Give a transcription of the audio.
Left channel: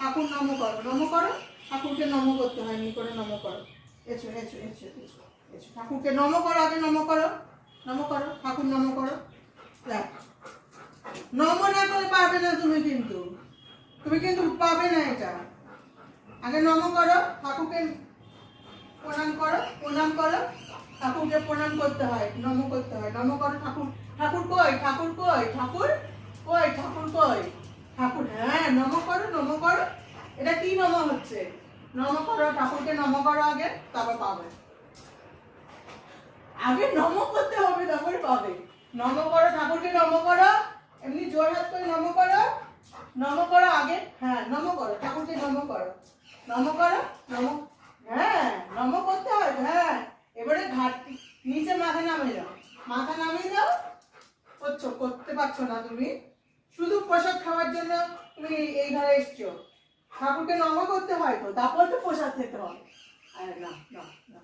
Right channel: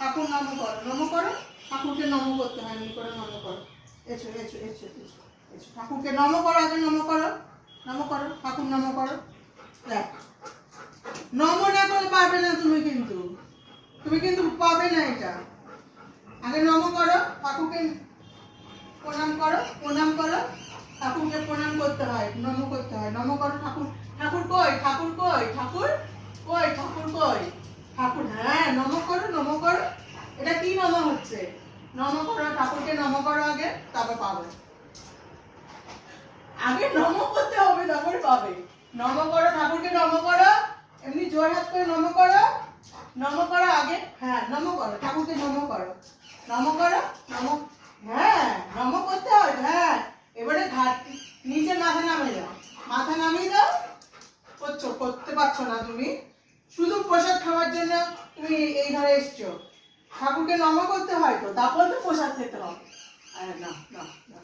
ঠাকুর নম করো, নম করো। ঠাকুরকে নম করতে হয়, এমনি করে নম করো। এসো এসো এসো এসো এসো, ঠাকুরকে নম করো, আগে নম করো, নম করো, ঠাকুর নম করো। দেখ, নম না করে পারবে না তুমি, কিন্তু তুমি কিন্তু পাবে না এটা। আগে নম করো, ঠাকুরকে প্রণাম করো, প্রণাম করো। ঠাকুরকে প্রণাম করতে হয়, নম করতে হয়, নম করো। ঠাকুর, ঠাকুর কই, ঠাকুর কই, ঠাকুর কই, ঠাকুর কই, ঠাকুর, হ্যাঁ নম করো, নম করো। এটা কি নম হচ্ছে? নম করো, ঠাকুরকে নম করো আগে, তারপর পাবে। আগে নম করতে হবে, তারপরে পাবে। নম করো, ঠাকুরকে নম করো, এমনি জোর হাত করে নম করো, নম করো আগে, হ্যাঁ নম করো, ঠাকুরকে নম করো, নম করো, নম, হ্যাঁ নম করতে হয়, হ্যাঁ। এবারে ঘাট নিচে মাথা নামিয়ে দাও, মাথা নামিয়ে দাও। করতে পারছো না তুমি, শুধু প্রসাদ খাওয়ার জন্য তুমি এই ঘরে এসছো। ঠাকুরকে নম করতে হয় তো, তারপর তো প্রসাদ খেতে হবে। না না না।